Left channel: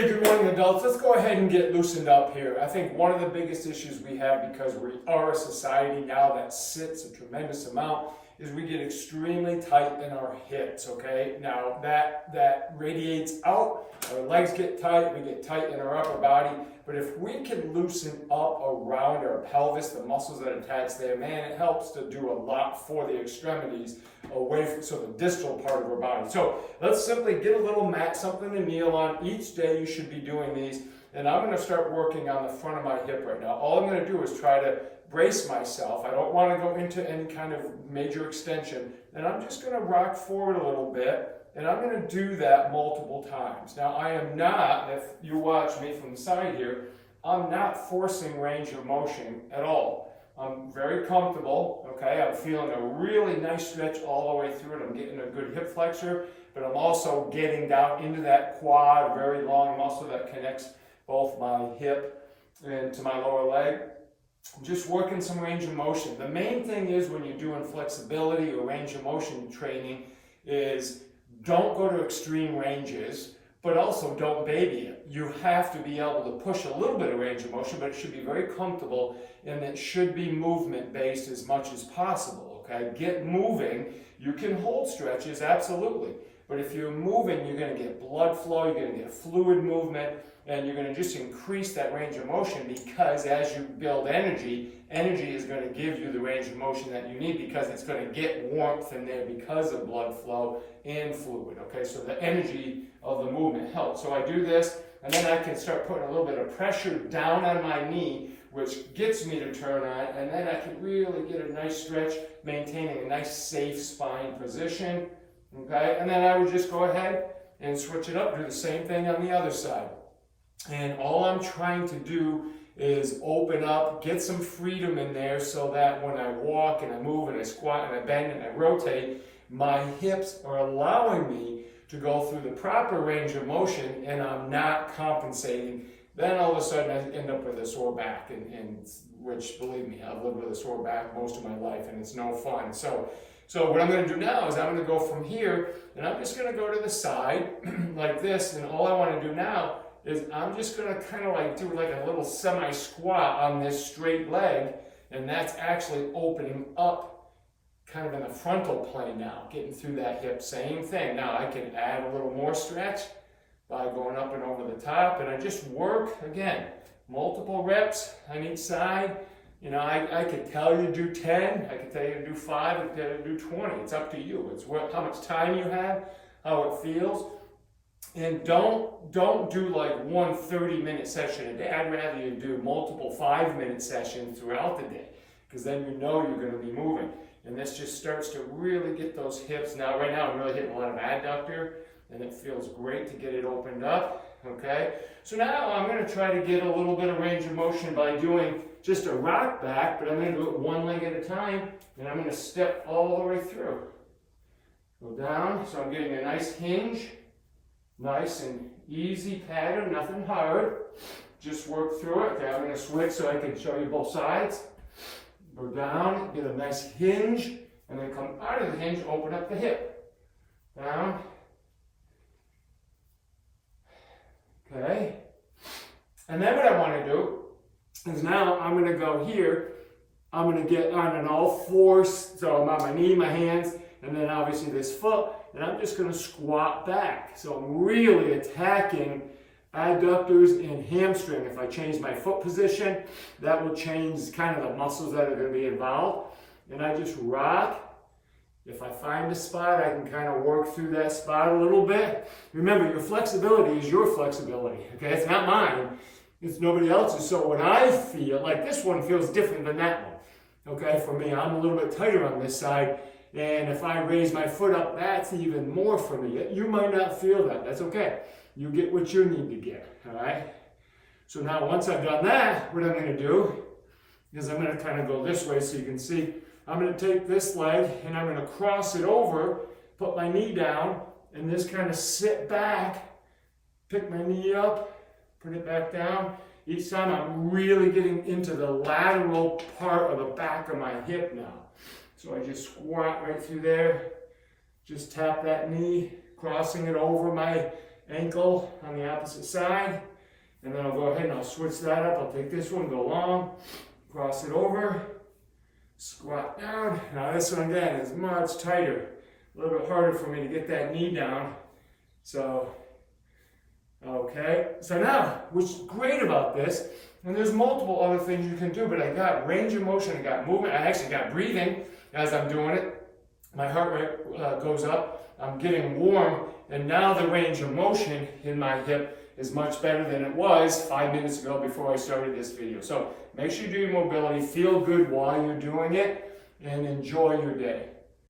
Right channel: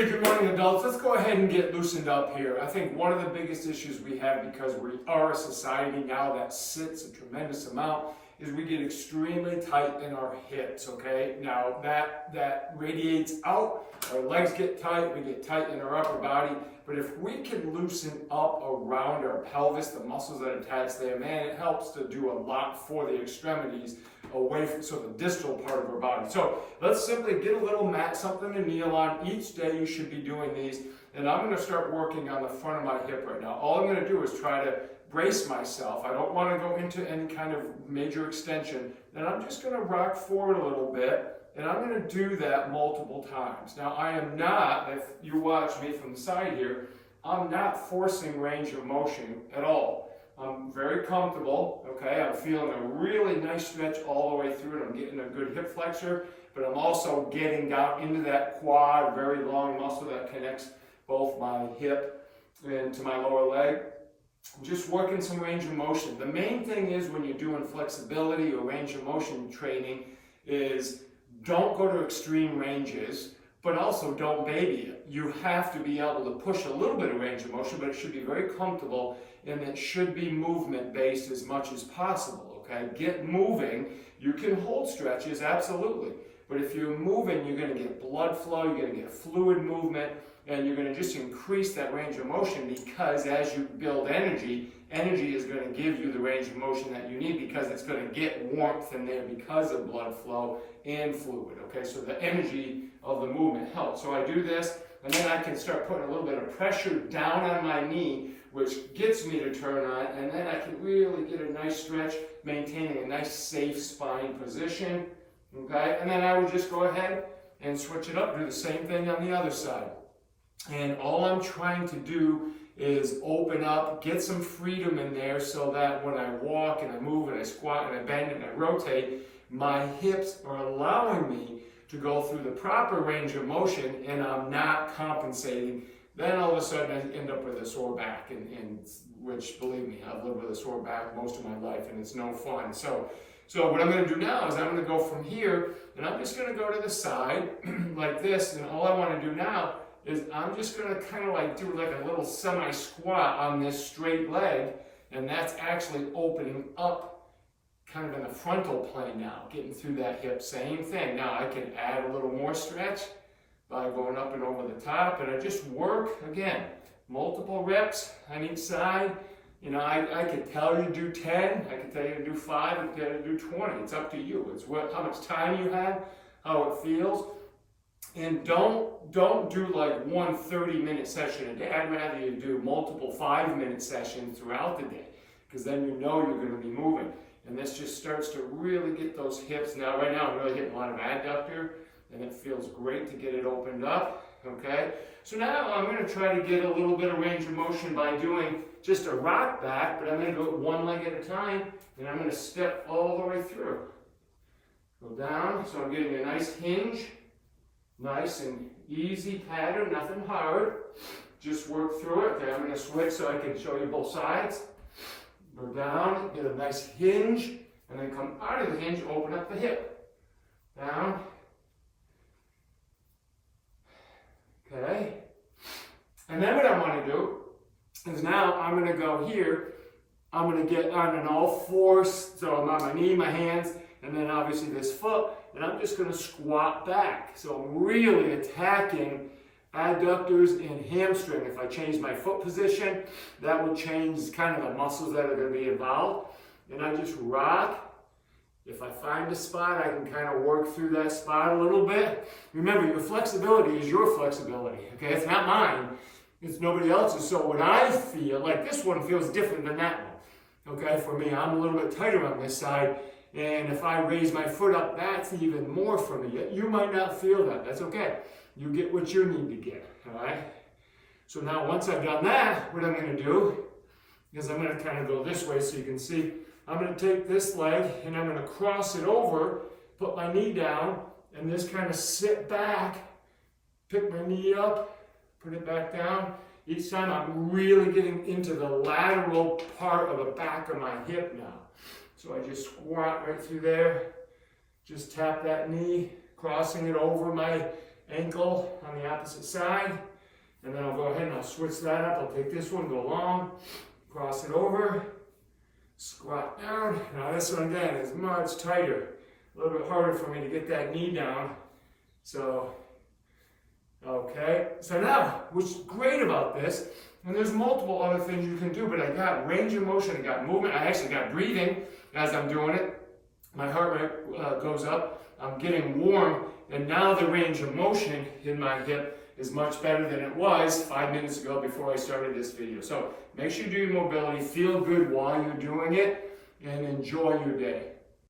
Hey, good morning, adults. Let's go ahead and get loosened up here. I think one of the biggest issues we have, because we are a society now that sits a tremendous amount, is we get extremely tight in our hips, okay? Now, that radiates out, our legs get tight, we get tight in our upper body, but if we can loosen up around our pelvis, the muscles that attach there, man, it helps to do a lot for the extremities away from, so the distal part of our body. So let's simply get a little mat, something to kneel on. Each day you should be doing these, and I'm going to start working on the front of my hip right now. All I'm going to do is try to brace myself. I don't want to go into any kind of major extension, and I'm just going to rock forward a little bit, and I'm going to do that multiple times. Now, I am not, if you watch me from the side here, I'm not forcing range of motion at all. I'm very comfortable, okay? I'm feeling a really nice stretch all the way through it. I'm getting a good hip flexor, but I'm also getting down into that quad, a very long muscle that connects both my hip and to my lower leg. Just working some range of motion. The main thing is when you're doing flexibility or range of motion training is don't go to extreme ranges, but also don't baby it. You have to be able to push a little bit of range of motion, but it should be very comfortable, and it should be movement based as much as possible, okay? Get moving. You can hold stretches, absolutely, but if you're moving, you're going to get blood flow, you're going to get fluid movement, and you're going to just increase that range of motion, because as you build energy, energy is going to give you the range of motion that you need, because it's going to get warmth in there because of blood flow and fluid, okay? So the energy of the movement helps. So I do this, and then I can start putting a little bit of pressure down on my knee, which gets me to turn on, and then I can really get a nice stretch, maintaining a nice safe spine position, okay? And then I would just go ahead and switch it up, do the same thing on the other side. And all I'm trying to do is open up, get some freedom in there, so that when I walk and I move and I squat and I bend and I rotate, my hips are allowing me to go through the proper range of motion, and I'm not compensating. Then all of a sudden I end up with a sore back, and which, believe me, I've lived with a sore back most of my life, and it's no fun. So what I'm going to do now is I'm going to go from here, and I'm just going to go to the side like this, and all I want to do now is I'm just going to kind of like do like a little semi-squat on this straight leg, and that's actually opening up kind of in the frontal plane now, getting through that hip. Same thing. Now I can add a little more stretch by going up and over the top, and I just work, again, multiple reps on each side. You know, I could tell you to do 10, I could tell you to do 5, I could tell you to do 20. It's up to you. It's how much time you have, how it feels. And don't do like one 30-minute session a day. I'd rather you do multiple 5-minute sessions throughout the day, because then you know you're going to be moving. And this just starts to really get those hips. Now, right now, I'm really hitting a lot of adductor, and it feels great to get it opened up, okay? So now I'm going to try to get a little bit of range of motion by doing just a rock back, but I'm going to do it one leg at a time, and I'm going to step all the way through. Go down, so I'm getting a nice hinge, nice and easy pattern, nothing hard. Just work through it. Okay, I'm going to switch so I can show you both sides. Go down, get a nice hinge, and then come out of the hinge, open up the hip. Down. Okay. And then what I want to do is now I'm going to go here. I'm going to get on an all fours, so I'm on my knee, my hands, and then obviously this foot, and I'm just going to squat back. So I'm really attacking adductors and hamstring. If I change my foot position, that will change kind of the muscles that are going to be involved. And I just rock. If I find a spot, I can kind of work through that spot a little bit. Remember, your flexibility is your flexibility, okay? It's not mine. It's nobody else's. So when I feel, like this one feels different than that one, okay? For me, I'm a little bit tighter on this side. And if I raise my foot up, that's even more for me. You might not feel that. That's okay. You get what you need to get, all right? So now once I've done that, what I'm going to do is I'm going to kind of go this way so you can see. I'm going to take this leg and I'm going to cross it over, put my knee down, and just kind of sit back, pick my knee up, put it back down. Each time I'm really getting into the lateral part of the back of my hip now. So I just squat right through there, just tap that knee, crossing it over my ankle on the opposite side. And then I'll go ahead and I'll switch that up. I'll take this one, go long, cross it over, squat down. Now this one again is much tighter. A little bit harder for me to get that knee down. So, okay. So now, what's great about this, and there's multiple other things you can do, but I got range of motion, I got movement, I actually got breathing as I'm doing it. My heart rate goes up, I'm getting warm, and now the range of motion in my hip is much better than it was 5 minutes ago before I started this video. So make sure you do your mobility, feel good while you're doing it, and enjoy your day.